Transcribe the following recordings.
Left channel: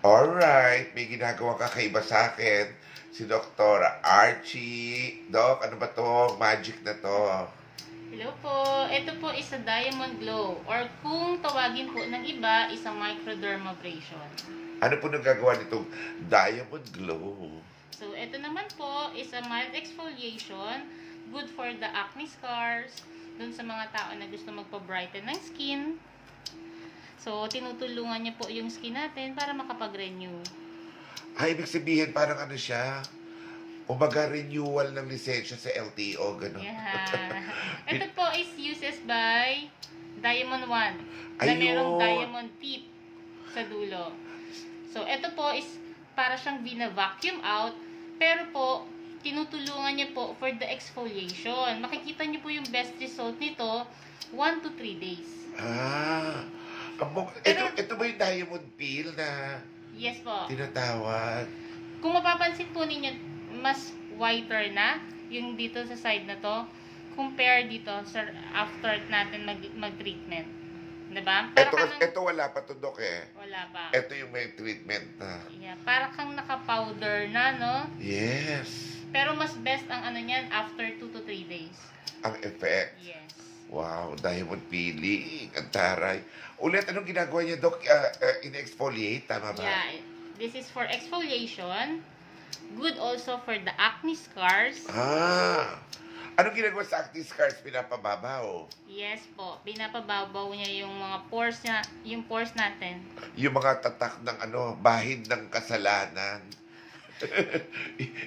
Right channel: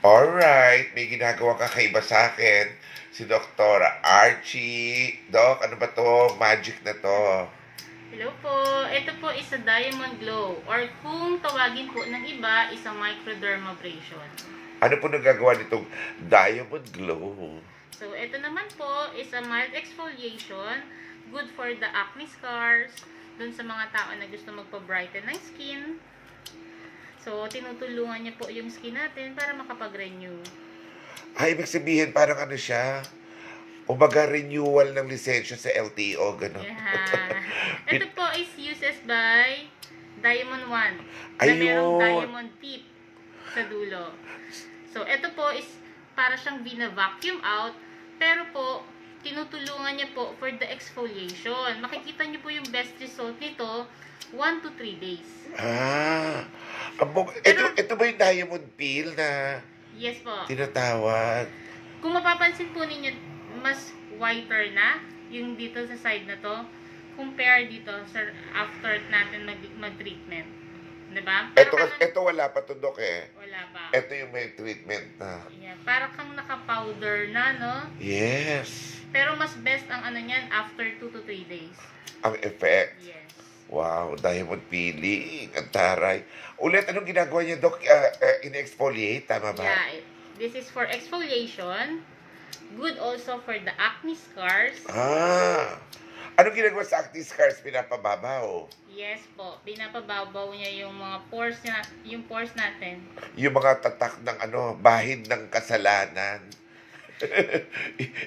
Alright, may ginagawa kakaiba sa akin. Si Dr. Archie. Doc, ano ba to? Magic na to. Hello po. Ito po is a diamond glow or kung tawagin po ng iba, isang microdermabrasion. Ano po nagagawa nitong Diamond Glow? So, ito naman po is a mild exfoliation, good for the acne scars, dun sa mga tao na gusto magpa-brighten ng skin. So, tinutulungan niya po yung skin natin para makapag-renew. Ibig sabihin parang ano siya? Umaga renewal ng lisensya sa LTO, gano'n. Yeah. Ito po is uses by Diamond 1 na Ayun. merong diamond tip sa dulo. So, ito po is para siyang vina-vacuum out, pero po, tinutulungan niya po for the exfoliation. Makikita niyo po yung best result nito 1 to 3 days. Ito ba yung diamond peel na Yes po. tinatawag? Kung mapapansin po ninyo, mas whiter na yung dito sa side na to compare dito sa after natin mag-treatment. Diba? Ito wala pa to, Doc, eh. Wala pa. Ito yung may treatment na. Yeah, para kang naka-powder na, no? Yes. Pero mas best ang ano niyan after 2 to 3 days. Ang effect. Yes. Wow, diamond peeling. Ang taray. Ulit, anong ginagawa niya, Doc? In-exfoliate, tama ba? Yeah, this is for exfoliation. Good also for the acne scars. Anong ginagawa sa acne scars? Pinapababaw. Yes po, pinapababaw niya yung mga pores niya, yung pores natin. Yung mga tatak ng bahid ng kasalanan.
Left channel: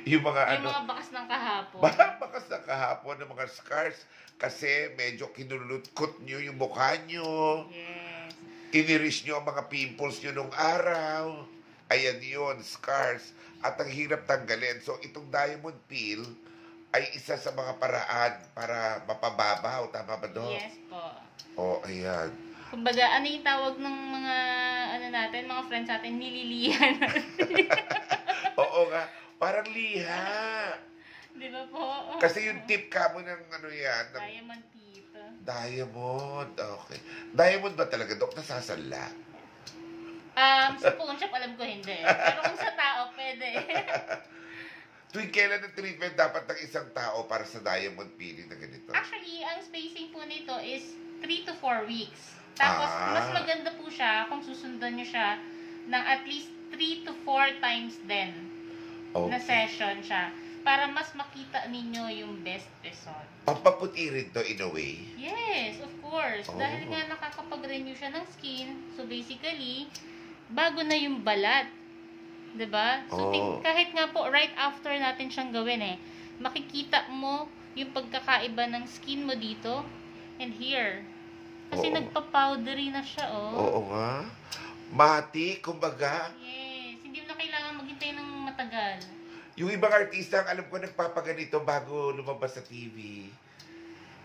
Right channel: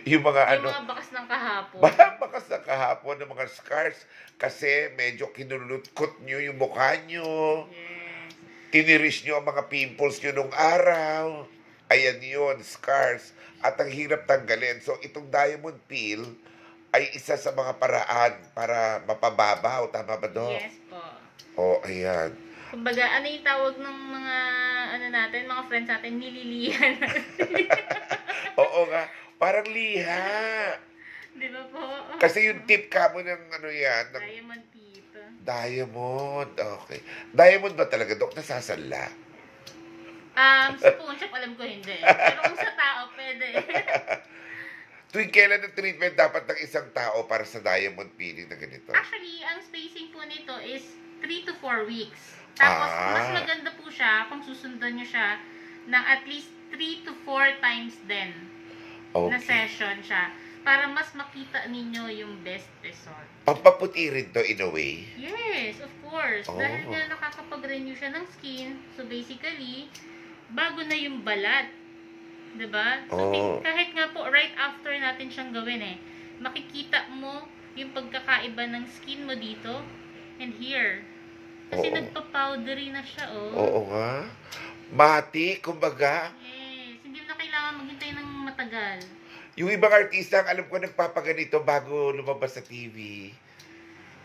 yung mga Yung mga bakas ng kahapon. bakas na kahapon ng mga scars kasi medyo kinulutkot nyo yung mukha nyo. Yes. Tiniris nyo ang mga pimples nyo nung araw. Ayan yun, scars. At ang hirap tanggalin. So, itong diamond peel ay isa sa mga paraan para mapababaw. Tama ba, Doc? Yes po. Oh, ayan. Kumbaga, ano yung tawag ng mga, ano natin, mga friends natin, nililihan. Oo nga, parang liha. Di ba po? Kasi yung tip ka mo ng ano yan, ng Diamond tip. diamond. Okay. Diamond ba talaga, Doc? Nasasala? Sa phone shop, alam ko hindi. Pero kung sa tao, pwede. Tuwing kailan ang treatment dapat ng isang tao para sa diamond peeling na ganito? Actually, ang spacing po nito is 3 to 4 weeks. Tapos, mas maganda po siya kung susundan nyo siya ng at least 3 to 4 times din na session siya. Para mas makita ninyo yung best result. Pampaputi rin to in a way? Yes, of course. Dahil nga nakakapag-renew siya ng skin. So, basically, bago na yung balat. Diba? So, kahit nga po, right after natin siyang gawin makikita mo yung pagkakaiba ng skin mo dito and here. Kasi nagpa-powdery na siya, Oo nga. Mati, kumbaga. Yes. Hindi mo na kailangan maghintay ng matagal. Yung ibang artista, alam ko, nagpapaganito bago lumabas sa TV.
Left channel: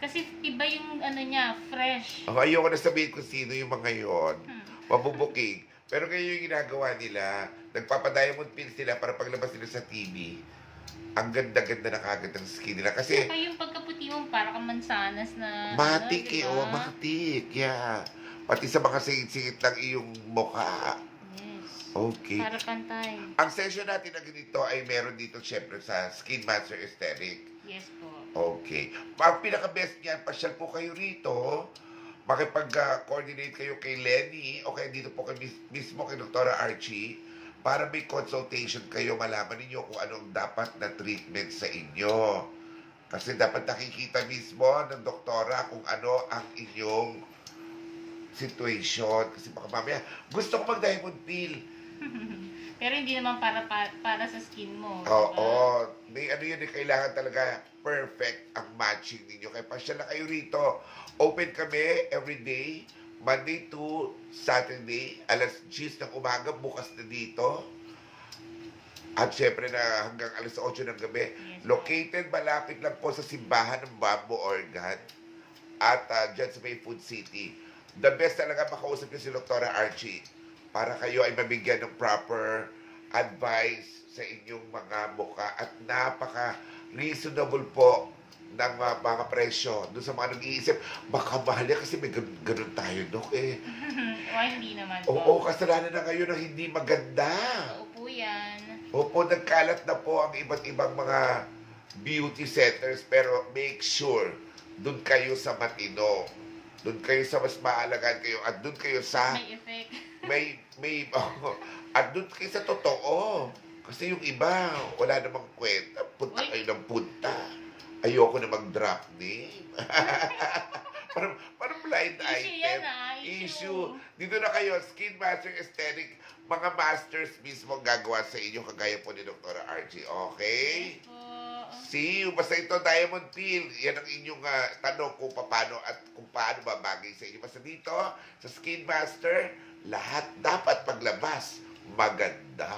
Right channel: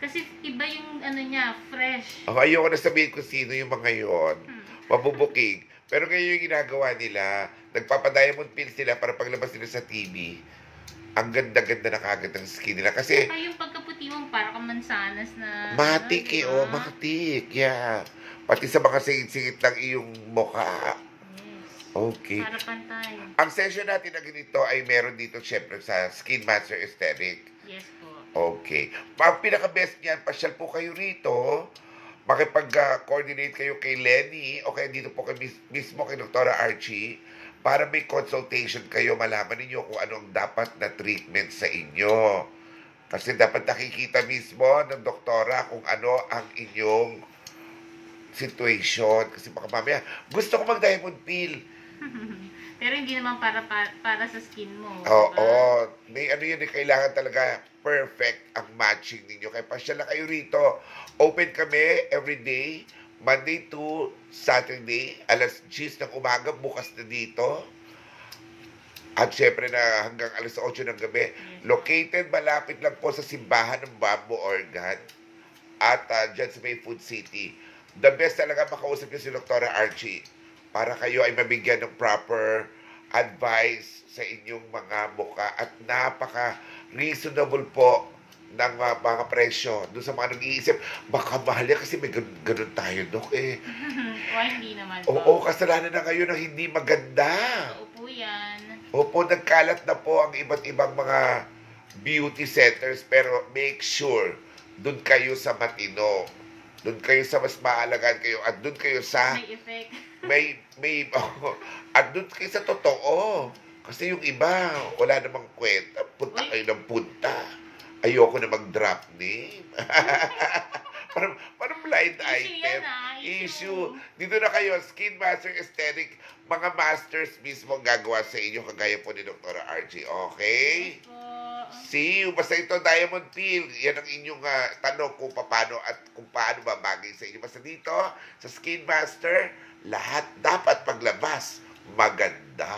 Kasi iba yung ano niya, fresh. Ayoko na sabihin kung sino yung mga yun. Mabubuking. Pero ngayon yung ginagawa nila, nagpapadiamond peel sila para paglabas nila sa TV. Ang ganda-ganda na kagad ng skin nila. Kasi, saka yung pagkaputi mo, para kang mansanas na... matik diba? matik. Yeah. Pati sa mga singit-singit ng iyong mukha. Yes. Okay. Para pantay. Ang session natin na ganito ay meron dito syempre sa Skin Master Aesthetic. Yes po. Okay. Ang pinaka-best niyan, pasyal po kayo rito. Makipag-coordinate kayo kay Lenny o kaya dito po kay mismo kay Dr. Archie para may consultation kayo, malaman ninyo kung anong dapat na treatment sa inyo. Kasi dapat nakikita mismo ng doktora kung ano ang inyong situation. Kasi baka mamaya, gusto ko mag-diamond peel. Pero hindi naman para sa skin mo. Oo. May ano yun, kailangan talaga perfect ang matching ninyo. Kaya pasyal na kayo rito. Open kami everyday, Monday to Saturday, alas 10 ng umaga, bukas na dito. At syempre na hanggang alas 8 ng gabi. Located, malapit lang po sa simbahan ng Bamboo Organ. At dyan sa May Food City. The best talaga makausap niyo si Dr. Archie para kayo ay mabigyan ng proper advice sa inyong mga mukha. At napaka-reasonable po ng mga presyo. Doon sa mga nag-iisip, baka mahal yan kasi may ganun tayo, Dok, eh. O, hindi naman po. Oo, kasalanan na ngayon ng hindi maganda. Oo po yan. Opo, nagkalat na po ang iba't ibang mga beauty centers, pero make sure, doon kayo sa matino. Doon kayo sa mas maalagaan kayo, at doon kayo sa May effect. at doon kayo sa totoo. Kasi yung iba, wala namang kwenta. Punta Uy. kayo ng punta. Ayoko na mag-drop name. parang blind Issue item. yan, Issue. Dito na kayo, Skin Master Aesthetic, mga masters mismo ang gagawa sa inyo, kagaya po ni Dr. RJ. Okay? Po. See you. Basta ito, Diamond Peel. Yan ang inyong tanong kung paano at kung paano babagay sa inyo. Basta dito, sa Skin Master, lahat dapat paglabas maganda.